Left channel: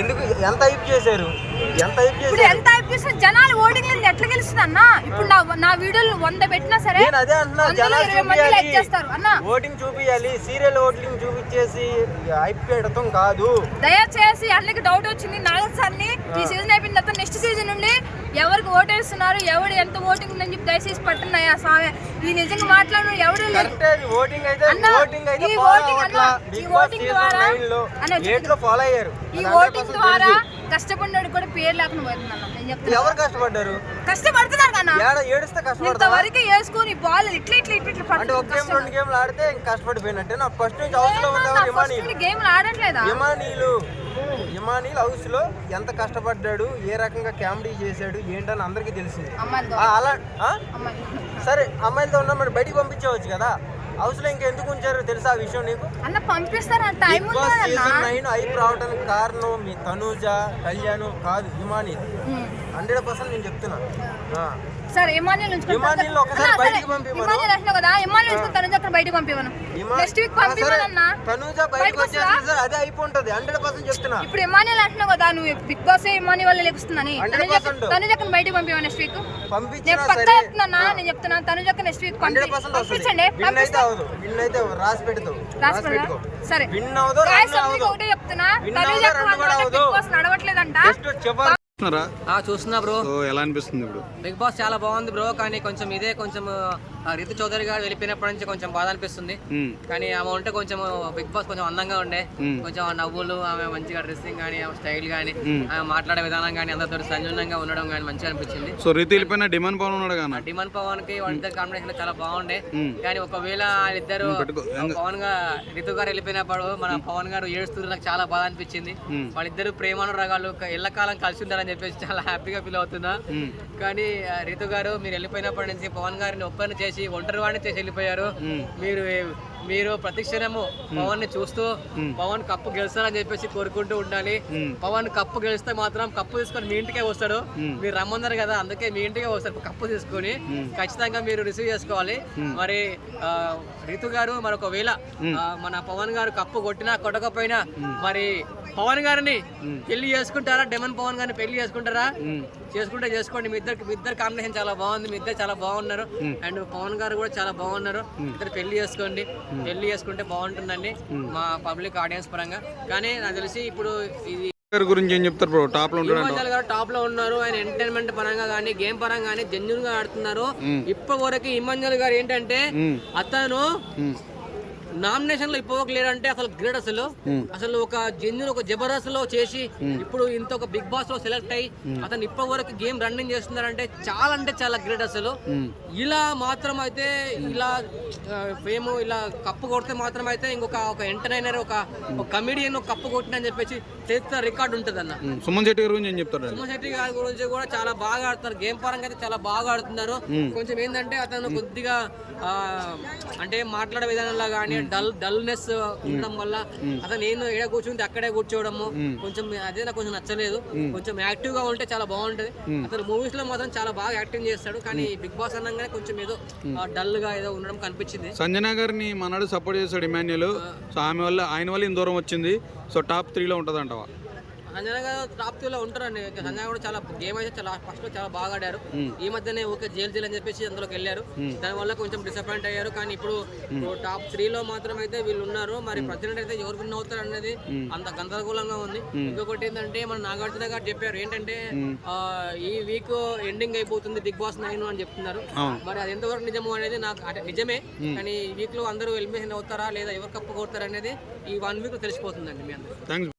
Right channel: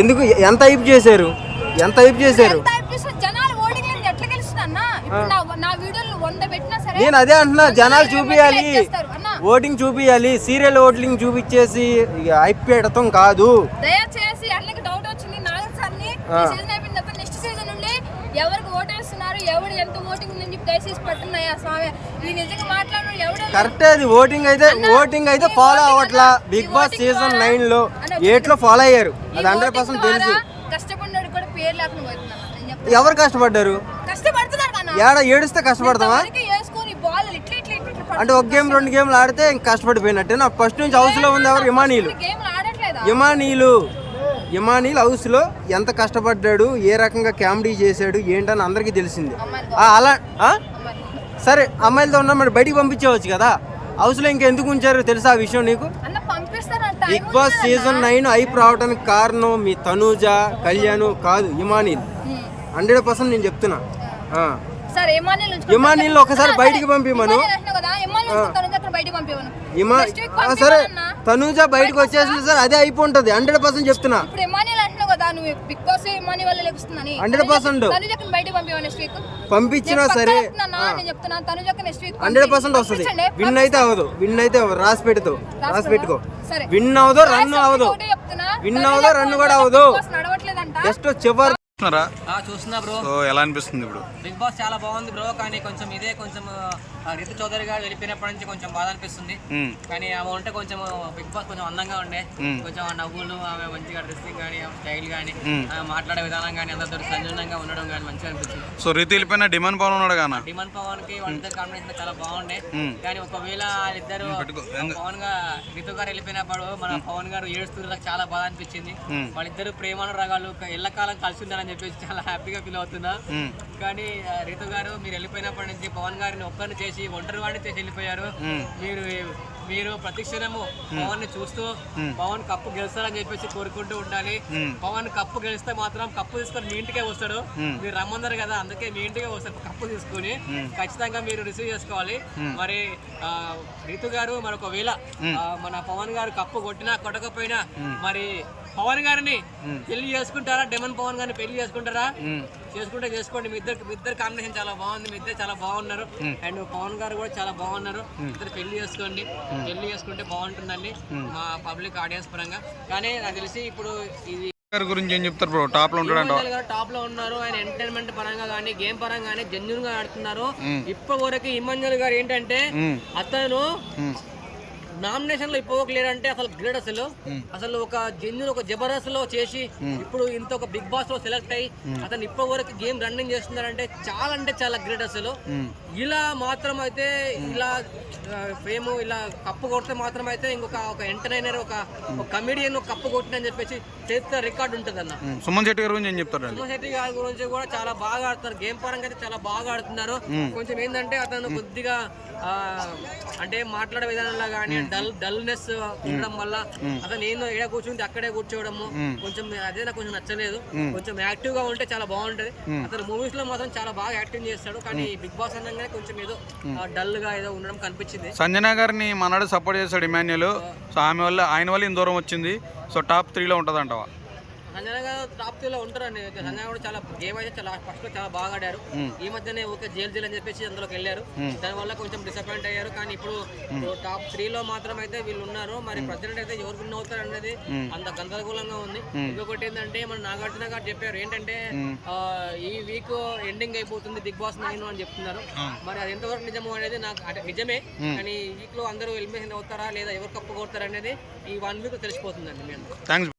ఎందుకు ఎంత హైప్ చేశారు? ఎంత హైప్ చేశారు? జనాలు ఓటింగ్ లేదు ఎట్లా గెలుస్తుంది అన్న? ఇప్పుడు నా వీడియోలు 100 పెట్టినా సరే నేను అదే అంటున్నా, జనాలు చూపియాలి, ఓటింగ్ చూపియాలి. సీరియల్ ఓటింగ్ చూపించేసి హైప్ పెట్టడం కాదు. దయచేసి అన్నికి డౌట్ వచ్చింది నాగర్ సార్ని. ఈ సీజన్ అయిపోయిన తర్వాత నెక్స్ట్ సీజన్ నుండి ఎవరికి ఓటేస్తున్నారు, ఎవడు ఎంత ఓటింగ్ ఉందని చెప్పి దయచేసి పట్టున్నాయా స్వామి. ఈ నిజంగా మాట్లాడు ఎవడు ఓటింగ్ అయితే ఫాలో అవ్వట్లా. బిగ్ బాస్ సీజన్ 9 లో 8 లో ఫాలో అయ్యారు. ఈ ఓటింగ్ ద్వారా కష్టపడినోడు కూడా పేరు లేకుండా పోతుంది. ఎవరు కష్టపడ్డారు? కష్టపడుతున్నారు కదా. ఏడుస్తే కష్టపడతావా? వేసుకొని బాల్ ఇట్లా అంటే ఒక గేమ్ 2 గేమ్లు ఆడితే ఇంకా కష్టపడిపోయినట్టే. నాకు ఫస్ట్ నుంచి హౌస్ లో ఉంది ఎవరు? ఇమానీలు హౌస్ లో ఎంత కష్టపడ్డాడు, ఏ రకంగా కామెడీ చేశాడు ఏంటని అందరికీ తెలిసింది. అలా సరే, అమ్మాయిలతో ఉన్నా మరి బయటికి పంపించవచ్చు కదా. హౌస్ లో ఇంకెందుకు ఉంచారు తెలుసా ఆ విషయం నీకు? బిగ్ బాస్ సీజన్ 9 హైప్ రావడానికి కారణం మీ తనూజ, కళ్యాణ్ కాదు, ఇమానీల్. 100% నేను చెప్తున్నా. ఇమానీల్ ఒకసారి బయటికి పంపిమను. తనూజ బయటకు వచ్చేసి సార్ అదే అయిపోతుంది. 100% చెప్తున్నా. ఇప్పుడు ఇమానీల్ అంటున్నావు కదా నువ్వు, బిగ్ బాస్ ఇమానీ వల్ల లెక్కుస్తుందని. 100% తనూజకు బయటికి పంపివా నెక్స్ట్ వీక్? పంపించినా సరే నేను చెప్తున్నా, తనూజకు నెక్స్ట్ వీక్ 100% వస్తుంది. విన్ అయితే అవ్వదు, రాసి పెట్టుకో. సరే, విన్ అవ్వదు, రన్ అవ్వదు. విన్ అవ్వదు, రన్ కూడా అవ్వదు. నడవట్లేదంట. జస్ట్ చివరి చూస్తున్నా బ్రో. ఎలా అనిపిస్తుంది ఇప్పుడు? బిగ్ బాస్ చాలా బాగుంది బ్రో, కానీ కొంచెం రితు చౌదరి గారు వెళ్ళిపోయినప్పటి నుంచి కొంచెం బాధ అనిపిస్తుంది. కానీ ఆమె ఉంటే కొంచెం బిగ్ బాస్ కొంచెం అందంగా ఉండే, కొంచెం నవ్వులు, ఆమె మంచిగా డ్రెస్సింగ్ కానీ, ఆమె స్టైల్ కానీ, ఆమె మాట్లాడే విధానం కానీ, అందరితో సంజనంగా ఉండడం కానీ మంచిగా అనిపించింది. సో రితు వెళ్ళిపోయిన డిమాండ్ పవన్ ఉన్నాడు కదా. డిమాండ్ పవన్ కి వాళ్ళిద్దరు కాంబినేషన్ చాలా బాగుండే. కానీ ఒకవేళ వాళ్ళిద్దరు పవన్ రితు గారు వెళ్ళిపోయినప్పుడు మన పవన్ గారు ఏడుస్తూ నాకు చాలా బాధ అనిపించింది. వాళ్ళిద్దరు ప్రేమానురాగాలు ఎల్లకాలం కలిసి ఉంటారని చెప్పేసి చాలా హ్యాపీగా ఫీల్ అవుతున్నా. కానీ రితు గారు మీరు వెళ్ళిపోయినప్పటి నుంచి పవన్ గారిని ఒక్కరిని చేసి ఒంటరి వాడిని చేసి వెళ్ళిపోయారు. మీరు ప్రతిక్షణము పవన్ ని చూస్తూ పవన్ కప్పు గెలుస్తారని చెప్పేసి కోరుకుంటూ ఉండాలి. పవన్ కప్పు గెలిస్తే మాత్రం కప్పు తీసుకొని మీ ఇంటికే వస్తాడు. మీరు రమ్మన్నారు కదా, అందుకే మీ ఇంటికే వస్తారు. కప్పు తీసుకొని ఖచ్చితంగా మీరు రిసీవ్ చేసుకోవాలి. మరి రితు గారు మరి ఒకవేళ మన పవన్ గారు కప్పు కొట్టినా కొట్టకపోయినా మరి పవన్ గారిని పెళ్లి చేసుకుంటారా? డెమన్ పవన్ గారిని పెళ్లి చేసుకుంటారా? చేసుకుంటే చేసుకోండి. మీ ఇద్దరు కాంబినేషన్ చాలా బాగుంది. మీ ఇద్దరు చాలా బాగున్నారు. అండ్ పవన్ గారు కూడా చాలా బాగున్నారు. ఇద్దరు పెళ్లి చేసుకోండి. పెళ్లి చేసుకుంటే బాగుంటుందండి మా పబ్లిక్ ఆడియన్స్ పరంగా. కానీ నాకు తెలిసి ఇప్పుడు ఇది గురించి ఏం చెప్తారు బ్రో? టాప్ లో టాప్ లో ఉన్నారు. ఆయన ఎంటర్టైన్మెంట్ పరంగా కానీ, గేమ్ పరంగా కానీ జెన్యూన్ గా ఆడుతున్నారు. ఇప్పటి వరకు ఇమాన్యుల్ గారు ఏంటంటే అతను నామినేషన్ లో ఇప్పటివరకు లేడంటే అసలు గ్రేట్. అసలు ఒక జెన్యున్ ఒక జబర్దస్త్ లో చేసి ఇప్పుడు ఇంత ఒక బిగ్ బాస్ లో సెలెక్ట్ అయ్యి అతను ఇప్పటి వరకు గేమ్ రన్నింగ్ చేస్తున్నారంటే చాలా గ్రేట్. అసలు ఇలా మాత్రం అయితే ఇలా ఫేమ్ ఇలా కప్పు కొడితే మాత్రం అయితే ఇంకొక ఎంటర్టైనర్ ఒక కమెడియన్ కప్పు కొట్టినని చెప్పేసి చరిత్ర రికార్డు ఉంటుంది అన్న. సుమన్ శెట్టి గారి గురించి ఏం చెప్తారు? సుమన్ శెట్టి గారి గురించి కూడా చాలా బాగా ఆడుతున్నారు. గేమ్ పరంగా అయితే చాలా బాగా ఆడుతున్నారు. కొంచెం ఏంటంటే అతను కొద్దిగా అంటే మాట్లాడే విధానంలో కానీ డల్నెస్ ఉండడం వల్ల అతను నేను ఎక్కడ కూర్చుంటే అక్కడే కూర్చోవడము కొంచెం అదే నాకు కొంచెం నచ్చలేదు. కొంచెం యాక్టివ్ గా ఉంటే చాలా బాగుంటది. అతను మూవీస్ లో మాత్రం చాలా బాగా యాక్టింగ్ చేస్తాడు. కానీ బిగ్ బాస్ అనగానే కొంచెం ఏదో డల్ గా ఏదో ఉండడం కనిపించింది. సంజన గారిని మనడు సపోర్ట్ చేస్తాడు ఇమాన్యుల్. సో ఆయన వల్ల ఇంత దూరం వచ్చింది. సో టాప్ 3 లో ఉంటది అంటావా? సంజన గారు టాప్ 3 లో ఉంటారండి. సంజన కూడా చాలా గేమ్ అయితే చాలా ఫస్ట్ లో చాలా బాగా ఆడారు. ఈ మధ్యనే ఓకే జైలు అని చెప్పేసి అందులోకి వెళ్ళారు. దానివల్ల కొంచెం డిసప్పాయింట్ అయ్యారు. కానీ ఇప్పుడు టాప్ 3 లో మాత్రం అయితే వీళ్ళు ఉన్నారు. మరి ప్రెసిడెంట్ అయితే ఎవరు విన్ అవుతారు అనేది అంత గందరగోళంగా ఉంది. ఇంకొకటి ఏంటంటే మన నాగార్జున గారు చెప్పారు ఏంటంటే ఈ వీక్ ఎండింగ్ అయిపోతుంది బిగ్ బాస్ 9 అని చెప్తున్నారు. మరి అది ఎంతవరకు నిజము అనేది నాకు అంటే నిజమే. కానీ ఈ వీక్ లో అందరూ ఎలిమినేషన్ అవుతారా లేదా ఎవరు కప్పు కొడతారు అనేది ఈ 1 వీక్ తెలిసిపోతుందండి మీ అందరూ.